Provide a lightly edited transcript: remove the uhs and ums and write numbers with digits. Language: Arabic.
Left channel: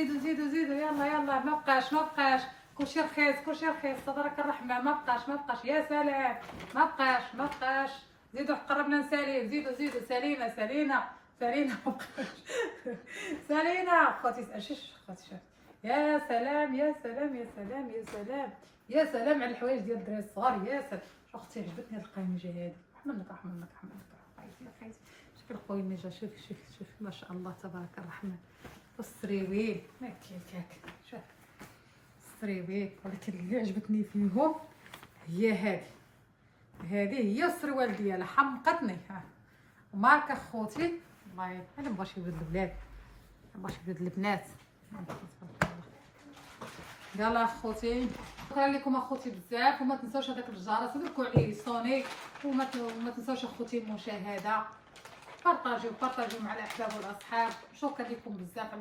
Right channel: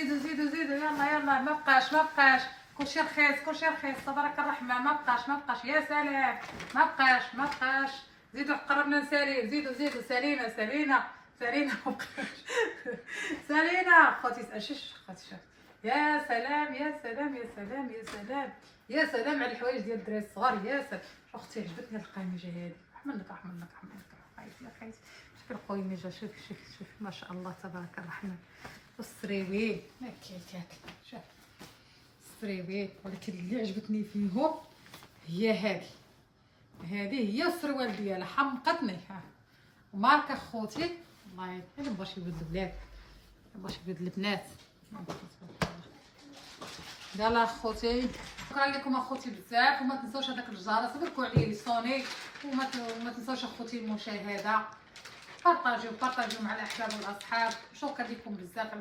زيدوا زيدوا زيدوا، يلا يلا، ما بقاش كلشي رخيص كلشي رخيص، تبارك الرحمن، ما بقاش، يا سلام، ما بقاش. زيدوا قربنا نساليو، زيدوا زيدوا، سالينا ما بقاش. سالينا خوتي، شوف خوتي، شوف، يا سلام يا سلام يا سلام يا سلام يا سلام على الحوايج ديال الدراري الصغار، يا سلام. اختي عجبتني هاد القميجه هادي، رحمن لك خايتي، شوفي القميجه، شوف ما شاء الله تبارك الرحمن، والسريويل ما كيك، شوف السريويل. ولكن اللي عجبتني فيهم هي هذه هي السروال ديالها، حمقتني. ها ماركه خوتي، والله انا مبغاش يولد البلاد، مبغاش يولد البنات. يلا اخوتي، شكرا لكم اخوتي بزاف، وما تنساوش هذاك الجرس تبركوا عليه يصوني، وما تنساوش اخوتي المشاهده، بارطاجيو مع الاحباب والاصحاب. شكرا لكم بزاف.